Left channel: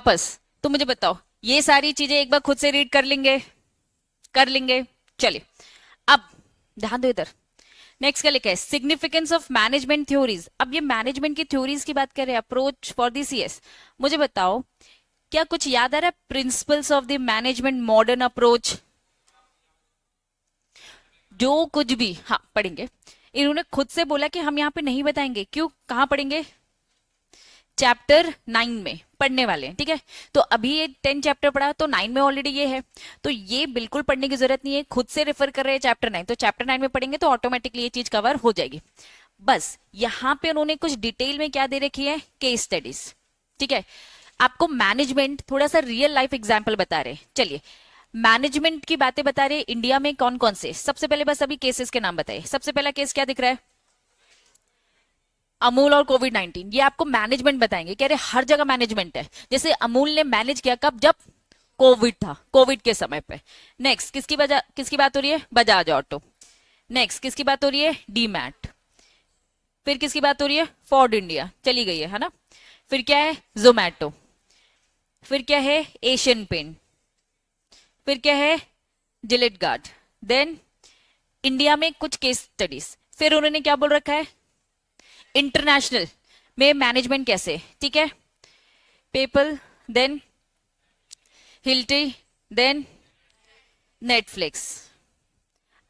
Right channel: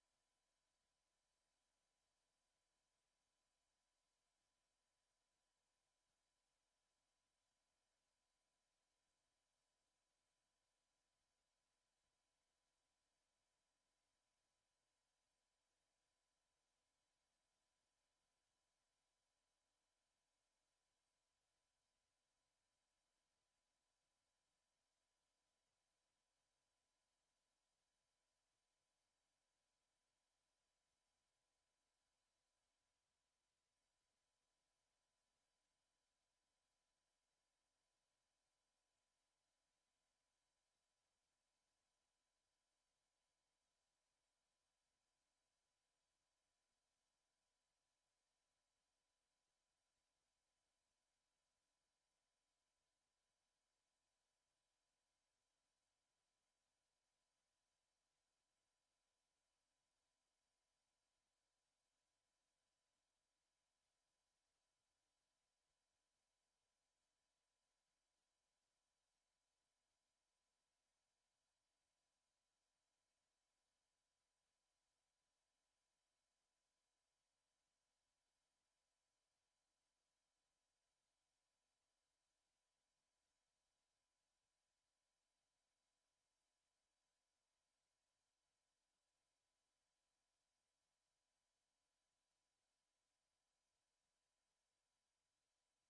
वापस। तो मुझे बताओ, ये सारी चीजें एक बार खुद से रीड कर लेंगे? कर लेंगे। चलिए, अब ध्यान दो इधर। नेक्स्ट क्या लिखा है? Significance of management theories. अब ये मैनेजमेंट की थ्योरीज की बात कर रहे हैं, अप्रोच फॉर दी सीएस। मुझे बताओ, क्या कुछ याद आ रहा है? Principles of the management modern approach, जो कुछ भी हाँ पढ़ेंगे। इन्होंने खुद से बोला कि हम यहाँ पे नहीं बताएंगे, क्यों? कहाँ पढ़ेंगे? चैप्टर 9 में पढ़ने वाले हैं, ठीक है। तो अभी ये 10 चैप्टर पढ़ा, तो 9 में ऑलरेडी ये है, तो ये बिल्कुल पढ़ने की जरूरत नहीं है, खुद से रेफर कर रहे हैं चैप्टर 9, तो चैप्टर 9 में पढ़ेंगे तो ऑटोमेटिकली ये चीज कवर हो जाएगी। बस यहाँ पे उन्होंने कुछ डिटेल में क्या दे रखी है? केस स्टडीज, ठीक है। आपको मैनेजमेंट थोड़ा सा रियल लाइफ एग्जाम्पल बता रहे हैं। चलिए, मैनेजमेंट की बातें बता रहे हैं इंडिया में कौन कौन से। सबसे पहले बस अभी केसेस के नाम बताइए। सबसे पहला केस क्या दिख रहा है? अमूल और कोविड-19। ये आपको मैनेजमेंट बताएंगे, कह रहे हर जगह मैनेजमेंट है। जैसे अमूल ने मैनेज किया कब? जब कोविड था, कोविड के समय पे। नेक्स्ट किसकी बात हो रही है? बजाज ऑटो। नेक्स्ट किसकी बात हो रही है? डीमैट। फिर किसकी बात हो रही है? फोर्ड इंडिया, चली गई है ना। फिर क्या है? जोमैटो। फिर क्या है? Asian paint. फिर क्या है? Gillette guard. देन इंडिया में कुछ केस स्टडीज। फिर उन्होंने क्या बोल रखा है? इंटरनेशनल में मैनेजमेंट कैसे, ठीक है। PayPal, then Hilti, then Netflix,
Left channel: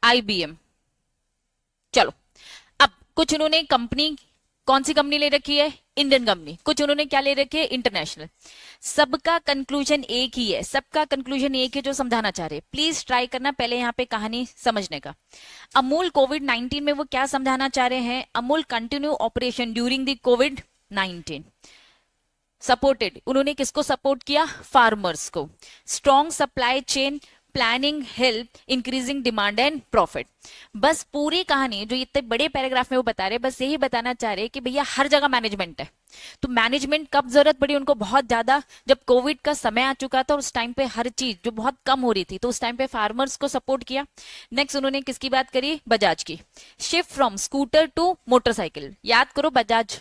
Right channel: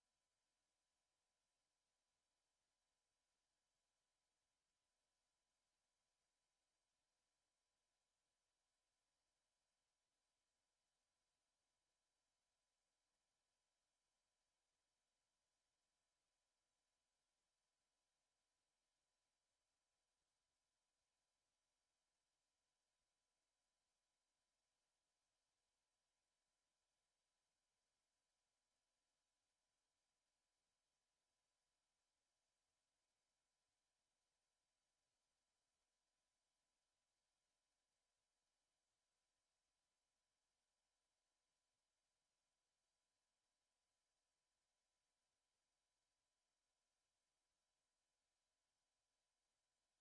IBM. चलो, अब कुछ उन्होंने कंपनी, कौन सी कंपनी ले रखी है? Indian company. कुछ उन्होंने क्या ले रखी है? इंटरनेशनल। सबका कंक्लूजन एक ही है, सबका कंक्लूजन एक है जो समझाना चाह रहे हैं। प्लीज ट्राई करना पहले यहाँ पे कहानी समझने का। अमूल कोविड-19 में वो क्या समझाना चाह रहे हैं? Amul continue operation during the covid. Supported, उन्होंने किसको सपोर्ट किया? फार्मर्स को। Strong supply chain planning help increasing demand and profit. बस पूरी कहानी जो इतने बड़े पैराग्राफ में वो बता रहे, बस यही बताना चाह रहे कि भैया हर जगह मैनेजमेंट है। तो मैनेजमेंट कब जरूरत पड़ी उनको? बहुत ज्यादा, जब कोविड का समय आ चुका था, उस टाइम पे हर चीज जो बहुत कम हो रही थी, तो उस टाइम पे फार्मर्स को सपोर्ट किया। नेक्स्ट उन्होंने किसकी बात करी? बजाज की। Shift from scooter to motorcycle. याद करो, बजाज,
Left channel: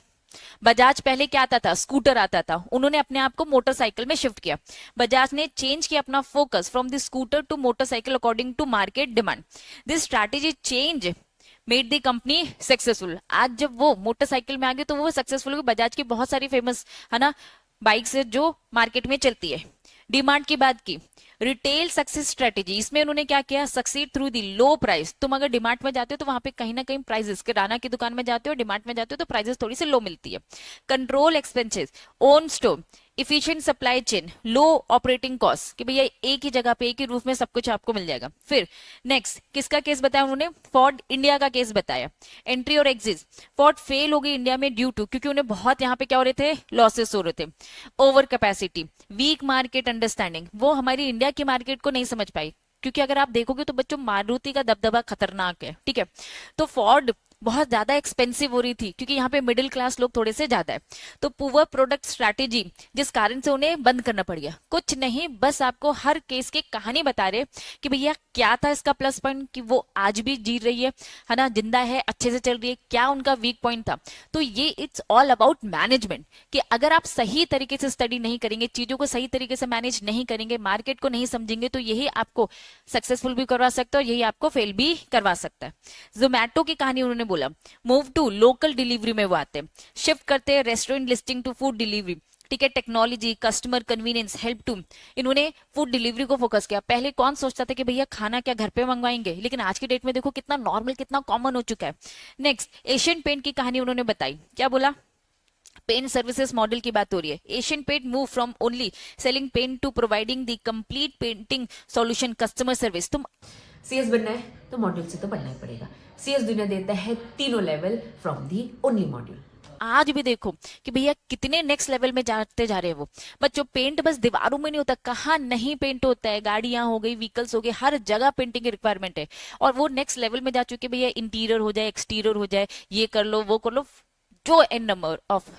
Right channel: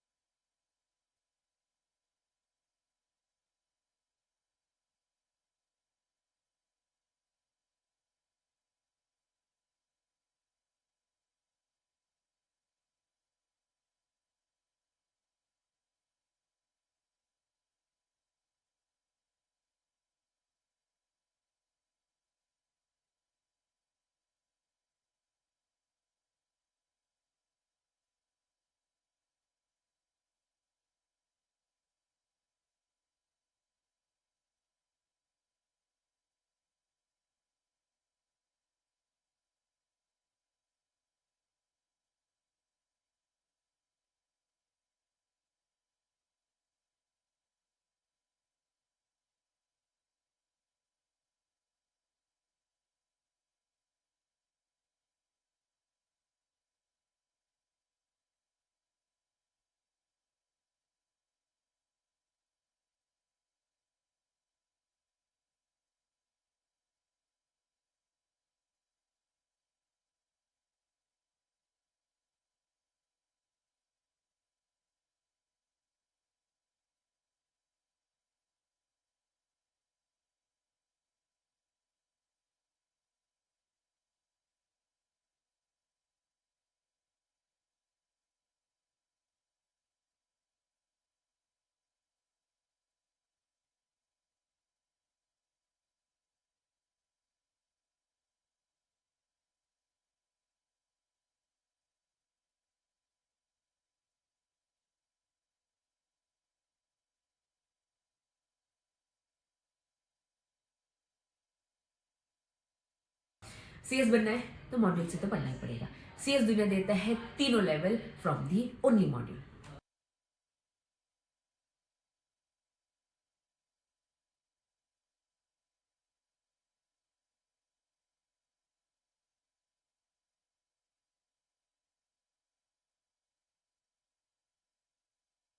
बजाज पहले क्या आता था? स्कूटर आता था, उन्होंने अपने आप को मोटरसाइकिल में शिफ्ट किया। बजाज ने चेंज किया अपना focus from the scooter to motorcycle according to market demand. This strategy change made the company successful. आज जब वो मोटरसाइकिल में आ गए तो वो सक्सेसफुल हो गए। बजाज की बहुत सारी फेमस है ना बाइक्स है जो मार्केट में चलती है। डिमांड की बात की, रिटेल सक्सेस स्ट्रेटेजी, इसमें उन्होंने क्या किया? Succeed through the low price. तुम अगर डिमार्ट में जाते हो तो वहां पे कहीं ना कहीं प्राइसेस, किराना की दुकान में जाते हो, डिमार्ट में जाते हो तो प्राइसेस थोड़ी सी लो मिलती है। Control expenses, own store, efficient supply chain, low operating cost, कि भैया एक ही जगह पे एक ही रूफ में सब कुछ आपको मिल जाएगा। फिर नेक्स्ट किसका केस बताया उन्होंने? फोर्ड इंडिया का केस बताया। एंट्री और एग्जिट, फोर्ड फेल हो गई इंडिया में ड्यू टू, क्योंकि उन्हें बहुत यहाँ पे क्या हो रहे थे? लॉसेस हो रहे थे। Over capacity, weak market understanding, वो हमारी इंडिया की मार्केट को नहीं समझ पाई। क्योंकि अगर आप देखोगे तो बच्चों, मारुति का दबदबा खतरनाक है, ठीक है। तो फोर्ड बहुत ज्यादा एक्सपेंसिव हो रही थी, क्योंकि यहाँ पे मिडिल क्लास लोग थोड़े से ज्यादा है। तो पुअर प्रोडक्ट स्ट्रैटेजी, जिस कारण से उन्हें बंद करना पड़ गया। कुछ नहीं, बस आपको हर केस की कहानी बता रहे कि भैया क्या था इसका प्लस पॉइंट, कि वो आज भी जी रही है ना, जिंदा है, अच्छे से चल रही है, क्या उनका वीक पॉइंट था। तो ये इट्स ऑल अबाउट मैनेजमेंट, कि अगर आप सही तरीके से स्टडी नहीं करेंगे, चीजों को सही तरीके से मैनेज नहीं करेंगे, मार्केट को नहीं समझेंगे, तो यही आपको सक्सेसफुल भी करवा सकता है और यही आपको फेल भी करवा सकता है। जोमैटो की कहानी उन्होंने बोला, मूव टू लोकल डिलीवरी में वो आते हैं, शिफ्ट करते हैं restaurant listing to food delivery, ठीक है। Technology, customer convenience, help to, इन्होंने फूड डिलीवरी को फोकस किया। पहले कौन सोचता था कि भैया खाना क्या घर पे मंगवाएंगे, लेकिन आज की डेट में देखो कितना नॉर्मल, कितना कॉमन हो चुका है। नेक्स्ट एशियन पेंट की कहानी उन्होंने बताई, क्या बोला? पेंट सर्विसेज मॉडल की बात हो रही है। Asian paint move from only selling paint to providing the complete painting solution, customer service. तुम सीएस बनना है तो मॉड्यूल से तो पढ़ना ही पड़ेगा। सीएस दुनिया देता है तीनों level from the only module. आज भी देखो कि भैया कितने नेक्स्ट लेवल में जाते जा रहे हैं वो बच्चों। पेंट बस दीवारों में नहीं होता, कहाँ नहीं पेंट होता है, गाड़ियां हो गई, व्हीकल्स हो गए, हर जगह पेंटिंग की रिक्वायरमेंट है। और वो नेक्स्ट लेवल में जा चुके भैया, इंटीरियर हो जाए, एक्सटीरियर हो जाए, ये कर लो वो कर लो, जो एन नंबर ऑफ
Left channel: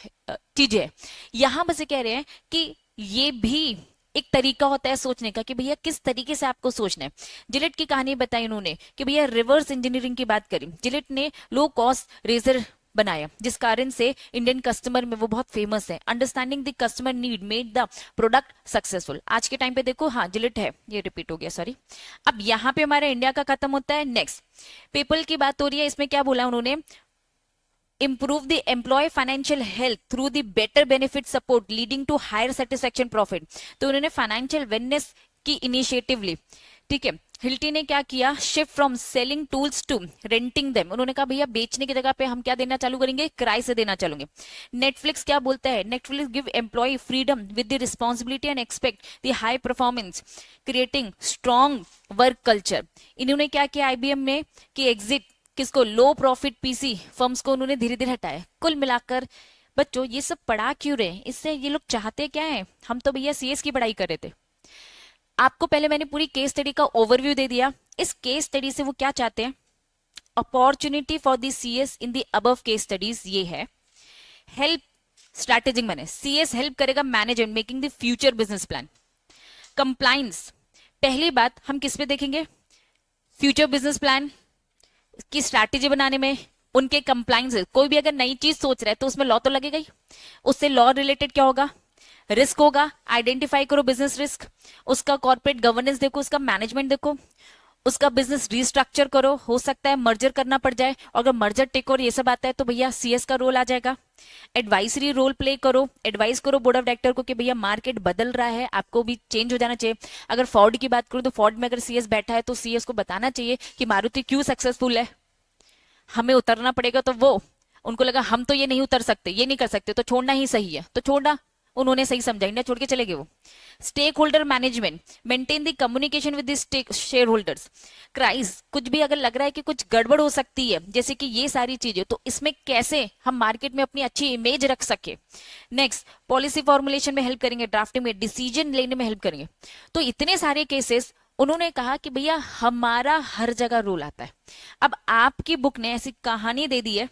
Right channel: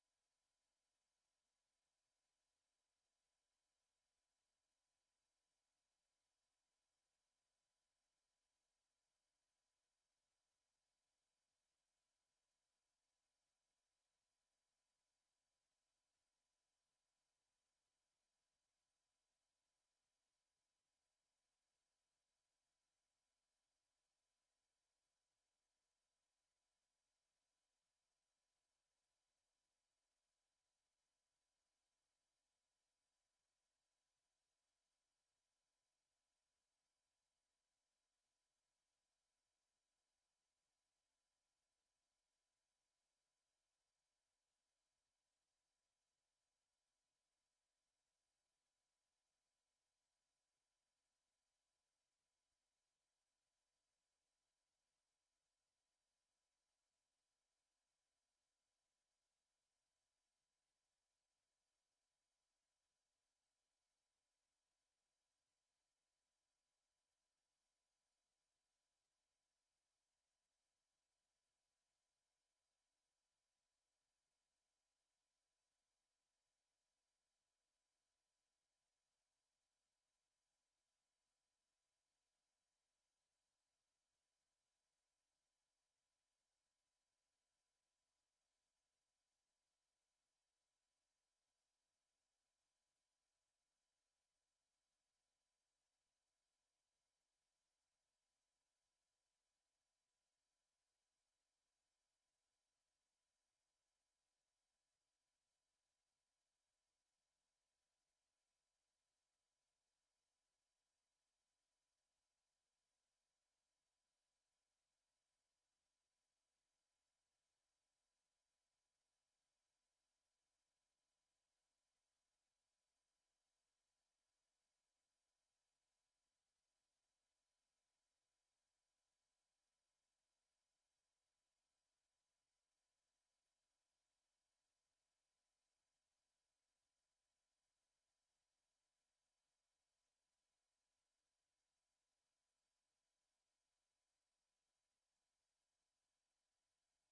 चीजें है। यहाँ बस ये कह रहे हैं कि ये भी एक तरीका होता है सोचने का, कि भैया किस तरीके से आपको सोचना है। जिलेट की कहानी बताई उन्होंने कि भैया रिवर्स इंजीनियरिंग की बात करी। जिलेट ने लो कॉस्ट रेजर बनाया, जिस कारण से इंडियन कस्टमर में वो बहुत फेमस है। Understanding the customer need made the product successful. आज के टाइम पे देखो, हाँ जिलेट है, ये रिपीट हो गया सॉरी। अब यहाँ पे हमारा इंडिया का खत्म होता है। नेक्स्ट पीपल की बात हो रही है, इसमें क्या बोला उन्होंने, improve the employee financial health through the better benefit support leading to higher satisfaction profit। तो उन्होंने फाइनेंशियल वेलनेस की इनिशिएटिव ली, ठीक है। हिल्टी ने क्या किया, shift from selling tools to renting them. उन्होंने कहा भैया बेचने की जगह पे हम क्या देना चालू करेंगे, किराए से देना चालूंगे। नेटफ्लिक्स क्या बोलता है, Netflix give employ freedom with the responsibility and expect the high performance creating strong work culture. इन्होंने क्या किया आईबीएम में कि एग्जिट किसको, लो प्रॉफिट पीसी फर्म्स को उन्होंने धीरे धीरे हटाया। कुल मिलाकर बच्चों ये सब पढ़ा क्यों रहे, इससे ये लोग चाहते क्या है, हम तो भैया सीएस की पढ़ाई कर रहे थे। आपको पहले मैंने पूरी केस स्टडी का ओवरव्यू दे दिया। इस केस स्टडी से वो क्या चाहते हैं, opportunity for the CS in the above case studies ये है, हेल्प स्ट्रैटेजिक मैंने सीएस हेल्प करेगा management making the future business plan. Compliance, पहली बात हम किस पे देखेंगे, फ्यूचर बिजनेस प्लान की स्ट्रैटेजी बनाने में, उनके कंप्लाइंस। कोई भी अगर नई चीज सोच रहा है तो उसमें लॉ तो लगेगा ही, उससे लॉ रिलेटेड क्या होगा, रिस्क होगा, आइडेंटिफाई करो बिजनेस रिस्क, उसका कॉर्पोरेट गवर्नेंस देखो, उसका मैनेजमेंट देखो, उसका बिजनेस रिस्ट्रक्चर करो, हो सकता है मर्जर करना पड़ जाए, और अगर मर्जर टेक और ये सब आता है तो भैया सीएस का रोल आ जाएगा। एडवाइजरी रोल प्ले करो, एडवाइस करो बोर्ड ऑफ डायरेक्टर को कि भैया मार्केट बदल रहा है, आपको भी चेंज हो जाना चाहिए। अगर फोर्ड की बात करूं तो फोर्ड में अगर सीएस बैठा है तो सीएस को बताना चाहिए कि मारुति क्यों सक्सेसफुल है, हमें उतरना पड़ेगा। तो वो उनको लगा हम तो ये नहीं उतर सकते, ये नहीं कर सकते, तो छोड़ना ही सही है, तो छोड़ना, उन्होंने सही समझा, इंडिया छोड़ के चले गए वो। Stakeholder management, maintain the communication with the stake shareholders. Crisis, कुछ भी अगर लग रहा है कि कुछ गड़बड़ हो सकती है, जैसे कि ये सारी चीजें, तो इसमें कैसे हम मार्केट में अपनी अच्छी इमेज रख सके। नेक्स्ट पॉलिसी फॉर्मुलेशन में हेल्प करेंगे, ड्राफ्टिंग में, डिसीजन लेने में हेल्प करेंगे। तो इतने सारे केसेस उन्होंने कहा कि भैया हमारा हर जगह रोल आता है। अब आपकी बुक ने ऐसी कहानी दे दी है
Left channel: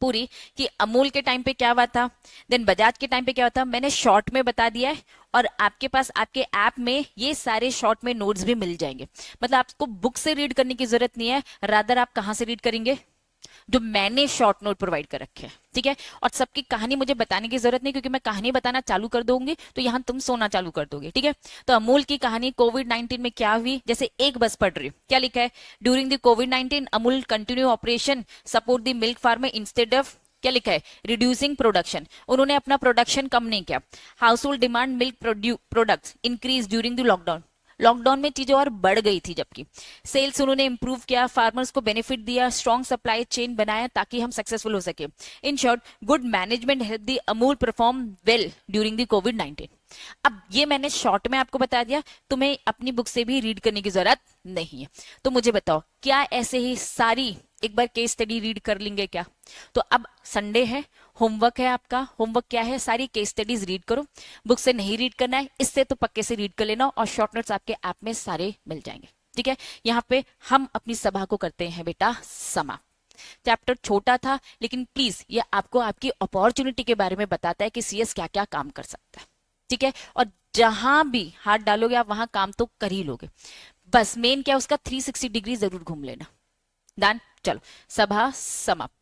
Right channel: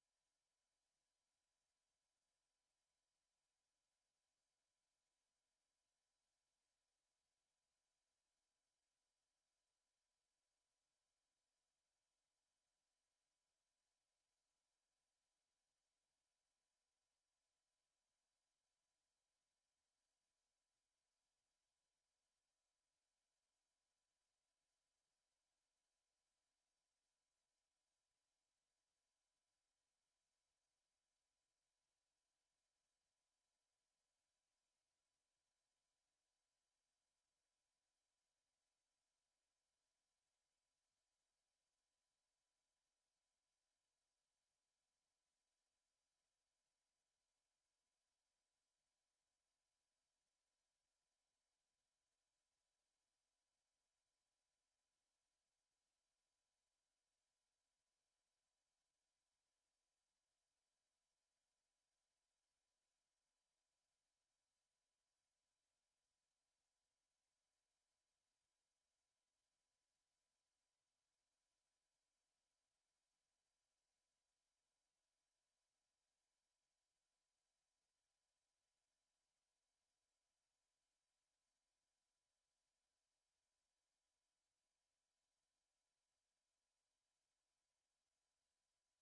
पूरी कि अमूल के टाइम पे क्या हुआ था, देन बजाज के टाइम पे क्या हुआ था, मैंने शॉर्ट में बता दिया है, और आपके पास आपके ऐप में ये सारे शॉर्ट में नोट्स भी मिल जाएंगे। मतलब आपको बुक से रीड करने की जरूरत नहीं है, रादर आप कहाँ से रीड करेंगे, जो मैंने शॉर्ट नोट प्रोवाइड कर रखे हैं, ठीक है। और सबकी कहानी मुझे बताने की जरूरत नहीं, क्योंकि मैं कहानी बताना चालू कर दूंगी तो यहाँ तुम सोना चालू कर दोगे, ठीक है। तो अमूल की कहानी कोविड-19 में क्या हुई, जैसे एक बस पढ़ रही, क्या लिखा है, during the covid Amul continue operation support the milk farmer instead of, क्या लिखा है, रिड्यूसिंग प्रोडक्शन। उन्होंने अपना प्रोडक्शन कम नहीं किया। House hold demand milk products increase during the lockdown, lockdown में चीजें और बढ़ गई थी, जबकि सेल्स उन्होंने इंप्रूव किया, फार्मर्स को बेनिफिट दिया, स्ट्रॉन्ग सप्लाई चेन बनाया ताकि हम सक्सेसफुल हो सके। In short good management help the Amul perform well during the कोविड-19। अब ये मैंने शॉर्ट में आपको बता दिया, तुम्हें अपनी बुक से भी रीड करने की जरूरत नहीं है। तो मुझे बताओ, क्या ऐसे ही सारी एक बार केस स्टडी रीड कर लेंगे क्या? तो अब संडे है, होमवर्क है आपका। होमवर्क क्या है, सारी केस स्टडीज रीड करो। बुक से नहीं रीड करना है, इससे तो पक्के से रीड कर लेना, और शॉर्ट नोट्स आपके ऐप में सारे मिल जाएंगे, ठीक है। यहाँ पे हम अपनी सभा को करते हैं बेटा समाप्त। चैप्टर छोटा था, लेकिन प्लीज ये आपको आपकी अपॉर्चुनिटी के बारे में बताता है कि सीएस क्या क्या काम कर सकता है, ठीक है। और जहां भी हाथ डालोगे आप वहां काम तो कर ही लोगे, बस मेन क्या उसका 360 डिग्री जरूर घूम लेना। डन, चलो सभा समाप्त।